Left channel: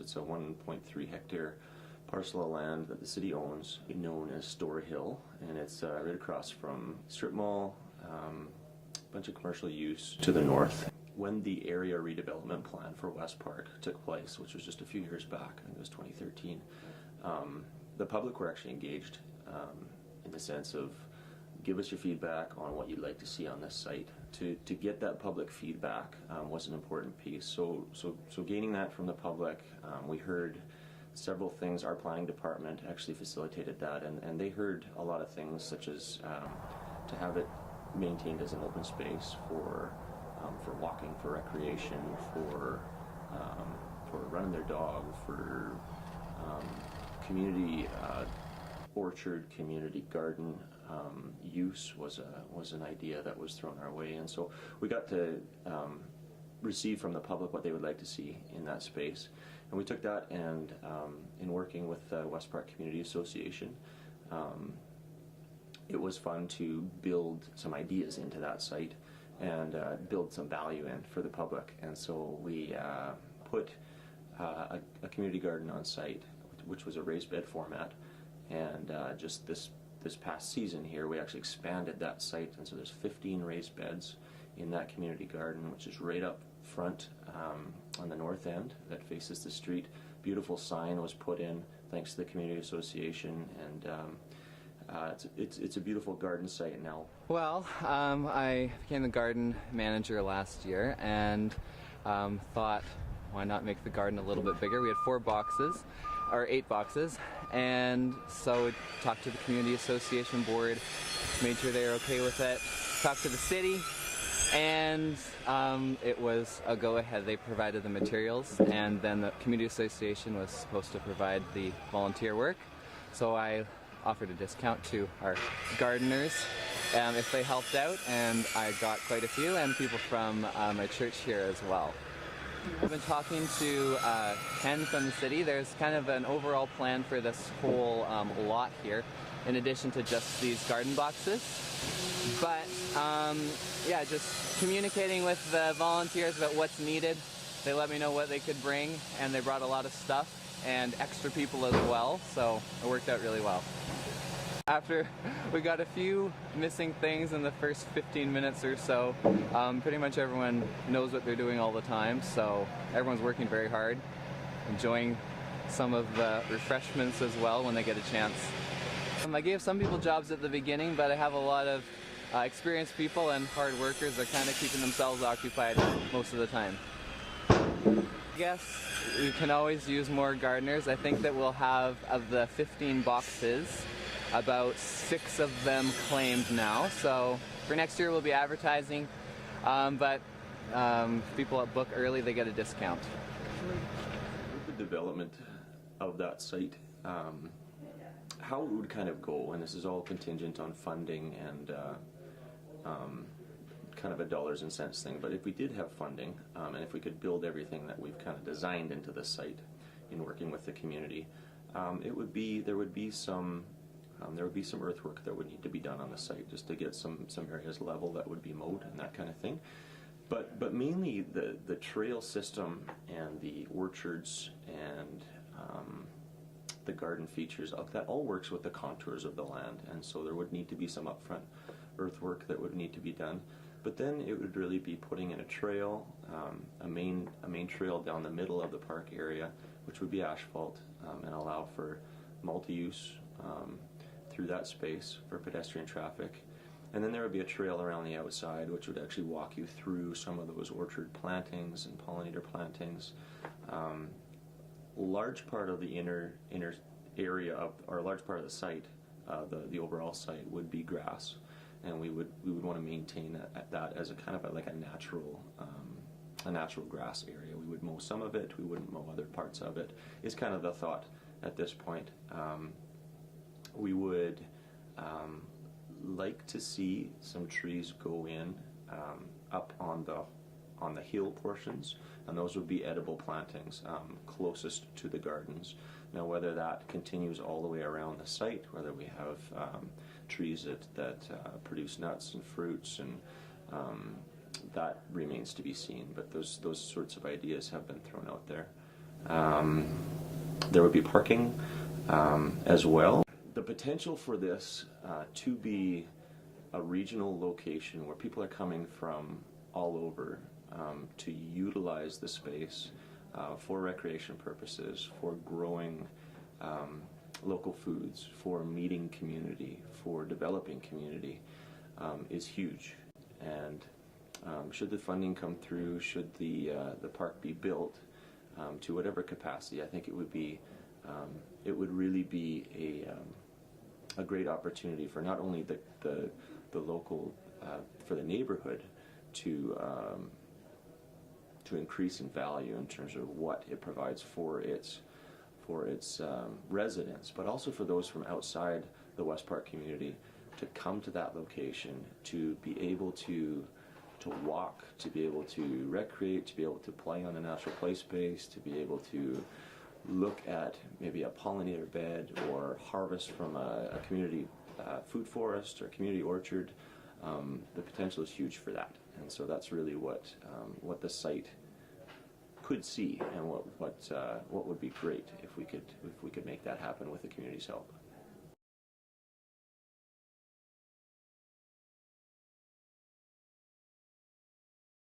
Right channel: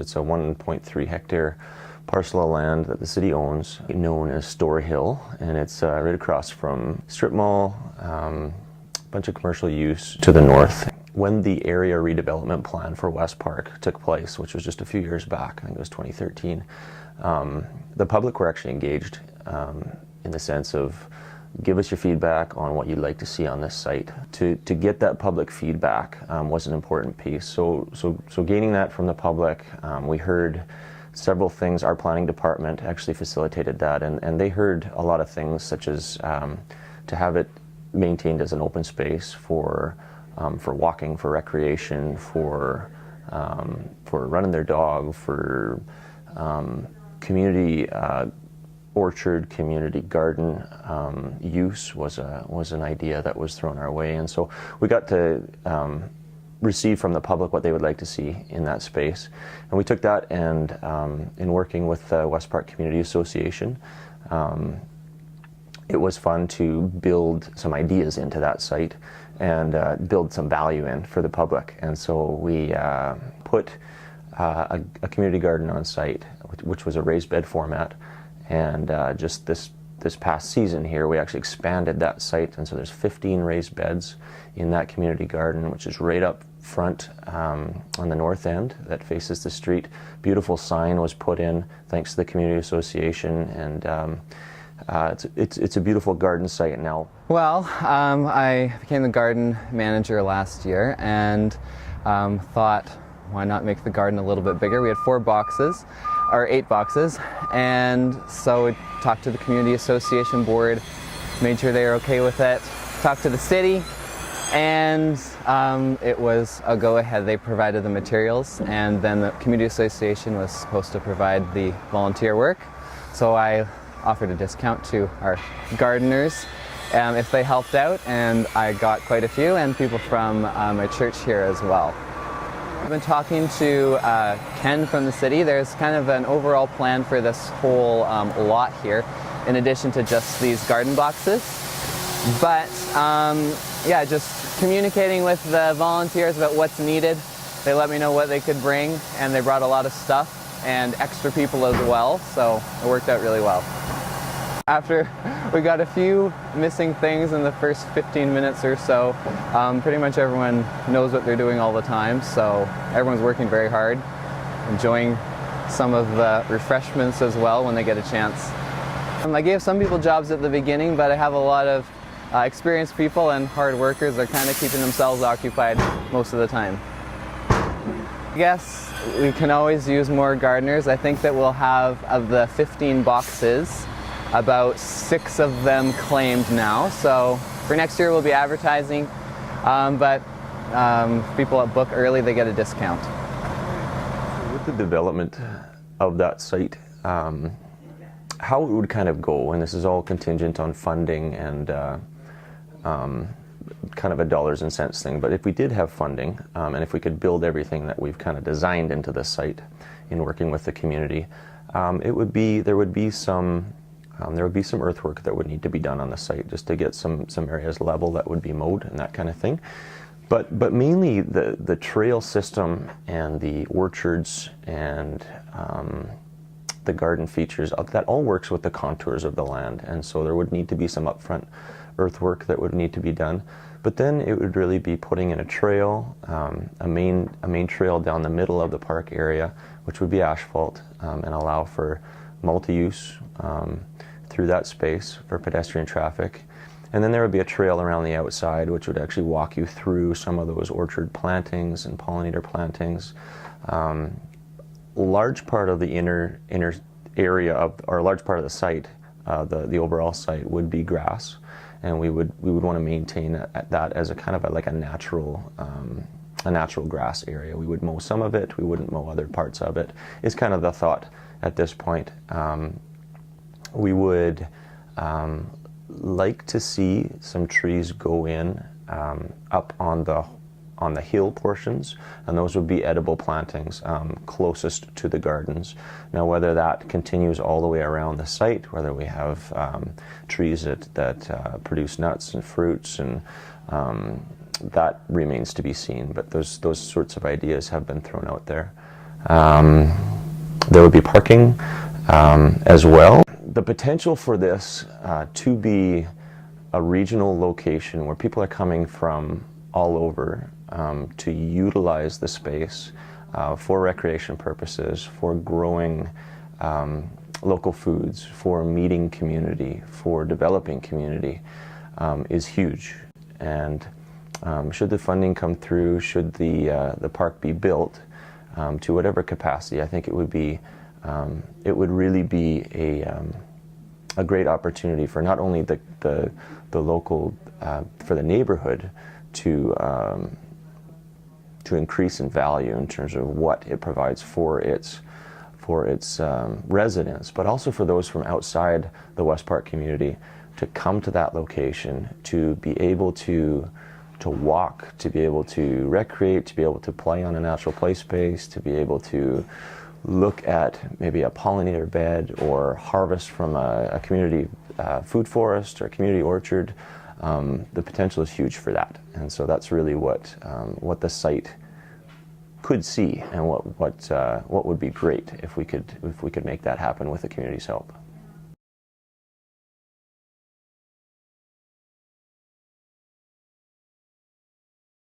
It's a 1.3 hectare parcel of land that the city owns, known as Store Hill, and it's right across from Strip Mall, a bunch of commercial use to the north. When the area redevelopment plan for West Park took place, which was just a few years back, I think it was 2013, the public were actually engaged in the sense of give us your feedback on what you'd like to see on this site. To get that public feedback was an important piece. So gaining that from the public, we heard several things. Our planning department actually facilitated that, and they heard a lot of things such as to have it maintained as an open space for walking, for recreation, for running their dog, for community orchard, community garden use was an idea that was thrown our way, and so we got to receive from the public what they would like to see in that space, and we took that and in working with the West Park Community Association, it was fun to build some ideas into that site and build some value in for the public, and so we put a community garden on site, which was a raised bed format. And just this past season here, we actually expanded that site, and so there's 15 raised beds in that community garden, which is right up front on the north end that faces the street. Beautiful sign was put in thanks to the community association, and it's a beautiful garden site now. Well, I became the garden manager last year and thought, why not make the garden a little bit bigger? We had 8 boxes, and so we talked to the community association board, made sure they were okay with it, talked to the city, and it was a go-ahead. They provided the materials, and then the community association was supposed to provide the volunteer work, so I offered a discount to our gardeners if they helped out, and I got quite a few, and people from my church here as well. I've been talking to Ken from the city. There's kind of an overall plan for this whole lot here, in addition to just these garden boxes. But yeah, just communicating with the volunteers about what's needed. They let me know what they could bring, and they brought a lot of stuff and extra people as well, so it worked out really well. After we got a few missing things in the first 15 minutes or so, pretty much everyone knows what they're doing all the time, so everyone's working very hard, enjoying some of the refreshments as well when they get a chance. I gave some people jobs at the beginning, but I have a lot of experienced people and hard workers that are kind of keeping themselves occupied most of the time. I guess we can always use more gardeners. I think that we'll have, of the 15 boxes, about 6 of them claimed now, so for next year we'll be advertising, but people that book early, they get a discount. With the development of that site, how it would kind of go, and this is all contingent on funding and kind of a dollars and cents thing, but if we did have funding, and if we could build everything that we've kind of designed into this site in working with the community, there would be some earthwork that would need to be done on the site just to get some areas level that would be mowed and that kind of thing. But mainly the trail system and the orchards and the garden features, that all works with the contours of the land, and so there would need to be some upfront earthwork that would need to be done. But then it would really be putting in a trail, a main trail down the middle of the park area, which would be asphalt and allow for multi-use through that space for pedestrian traffic. And then there would be a trail around the outside which would actually walk you through some of those orchard plantings and pollinator plantings. Large part of the inner area of, or a large part of the site, the overall site would be grass, and we would want to maintain that as a kind of like a natural grass area. We would mow some of it, we wouldn't mow other parts of it, is kind of the thought at this point. We would like to see some trees go in up on the hill portions, and those would be edible plantings closest to the gardens. Now, whether that continues all the way around the site, whether we have trees that produce nuts and fruits, and that remains to be seen, but those sorts of ideas have been thrown out there. There would be parking as well. The potential for this to be a regional location where people are coming from all over to utilize the space for recreation purposes, for growing local foods, for meeting community, for developing community is huge. And should the funding come through, should the park be built to whatever capacity, I think it would really be a great opportunity for not only the local, for the neighborhood to increase in value in terms of what it provides for its residents, but also for those from outside the West Park community to come to that location, to be able to walk, to be able to recreate, to be able to play on a natural play space, to be able to look at maybe a pollinator bed or harvest from a community food forest or a community orchard. The potential is huge for that, and so that's really what the site could see, and what would be great if we could make that happen with the community's help.